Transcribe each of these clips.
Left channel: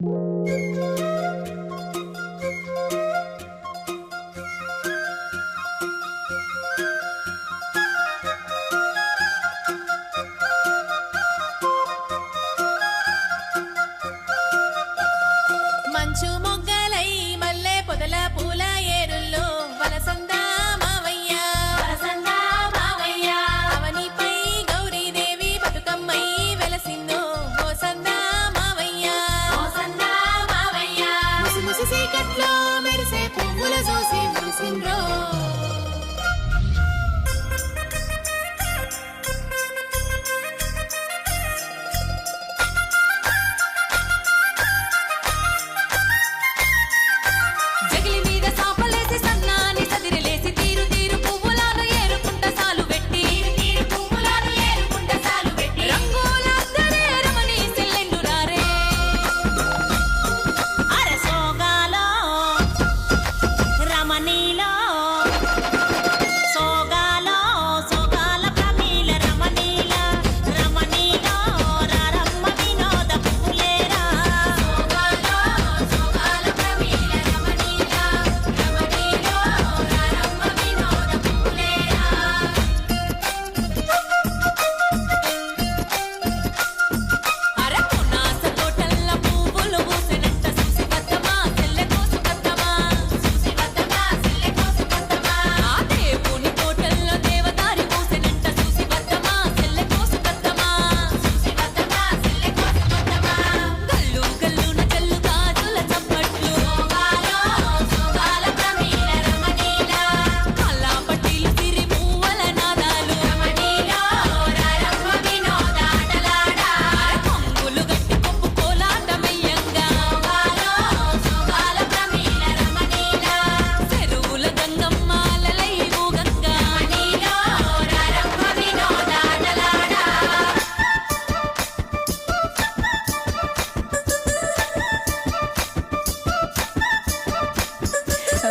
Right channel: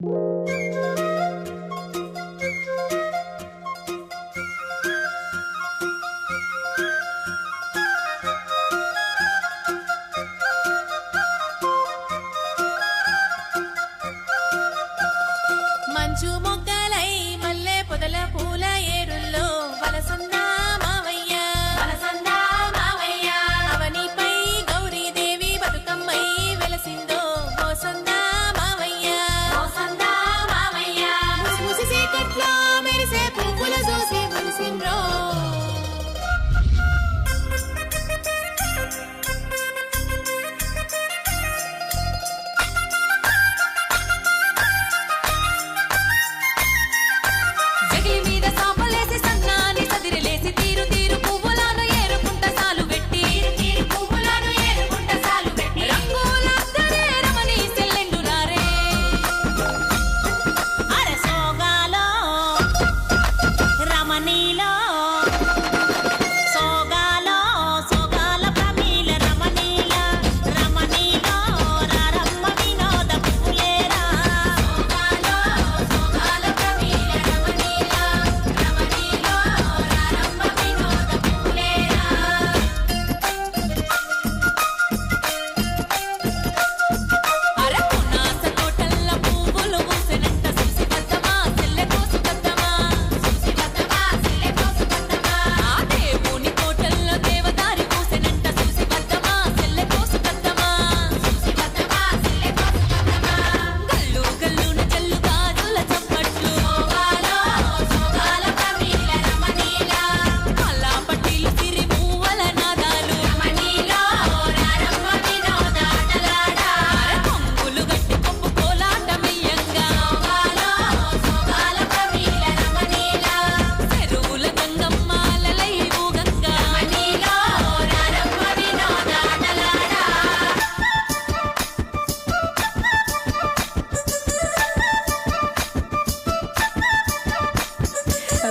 you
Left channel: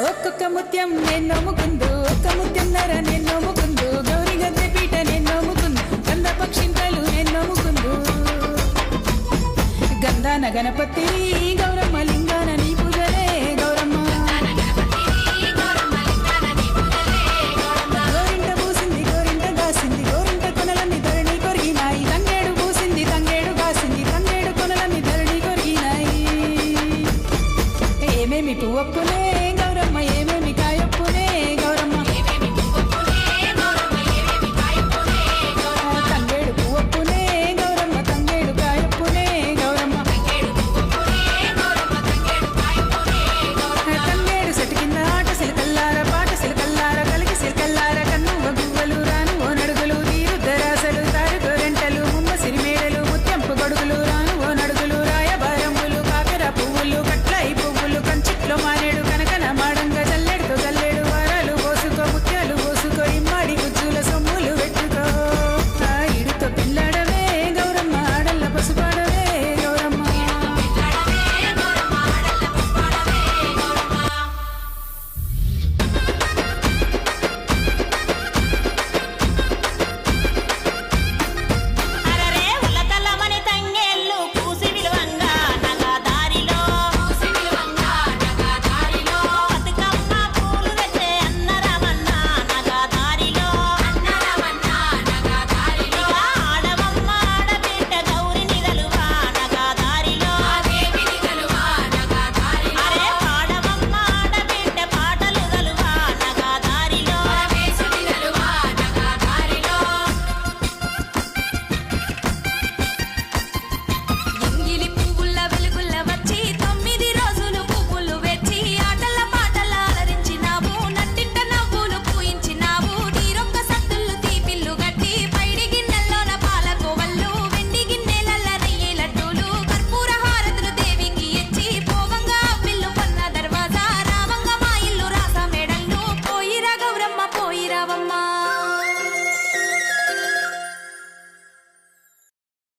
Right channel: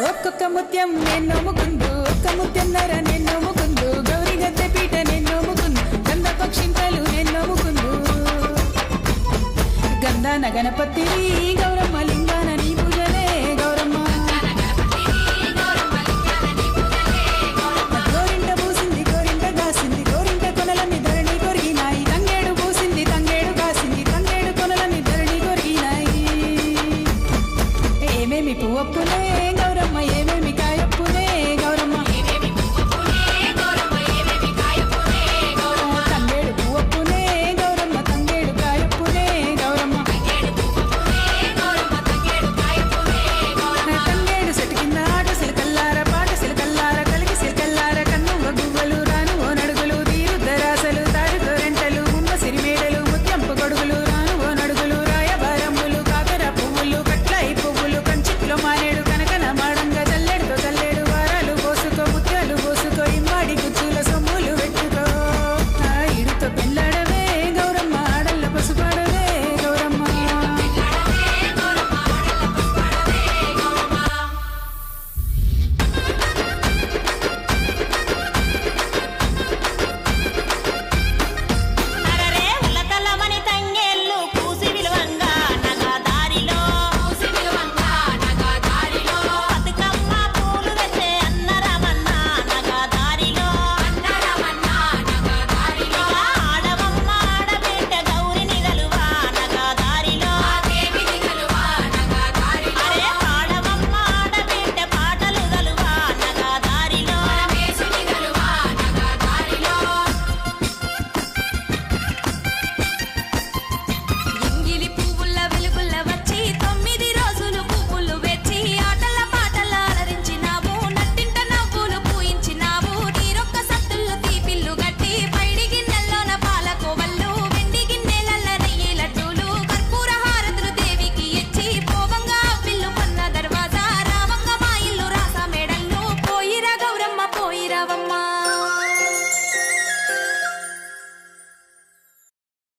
ఒక్కొక్క ముత్యం నేను నమ్ముకుందు ఒక్క ముత్యం నర నేను నమ్ముకుందు గౌరీ గద్దె పీట నేను నమ్ముకుందు గంధ పక్షింతలు నేను నమ్ముకుందు గంధాన గణపతి గౌరమ్మ లింగాన నీ పూజలే గౌరమ్మ. గోరింట పూసింది గోరింట గాసింది గోరింట కొనలన్నీ ధరణి కొరిగినాయి. ఏమేమి పువ్వప్పునే గౌరమ్మ ఏమేమి కాయప్పునే గౌరమ్మ. తంగేడు పువ్వప్పునే గౌరమ్మ తంగేడు కాయప్పునే గౌరమ్మ. తంగేడు సెటు కింద ఆట సిలకల్లార పాట సిలకల్లార కలికి సిలకల్లార కన్నువ గువ్వలు రాను ఓ నడుగులు తీరుద్దరాసలు తారు గోరెంటలు ముమ్మ సిరిమేడలు ముత్యంపు గొడుగులు రాను ఓ నడుగులు ఇంట్లో మానేడు కనకన మాడంగా జల్లెడుతో జల్లెడు వారాలు పోసుకో ముత్యాలు పోసుకో ఇమ్మాడి గుజ్జుల సొమ్ములు పెట్టుకో. ఆ ఇడుతో పెళ్ళాడవే గౌరమ్మ ఆడల్ల పసుపాడవే గౌరమ్మ.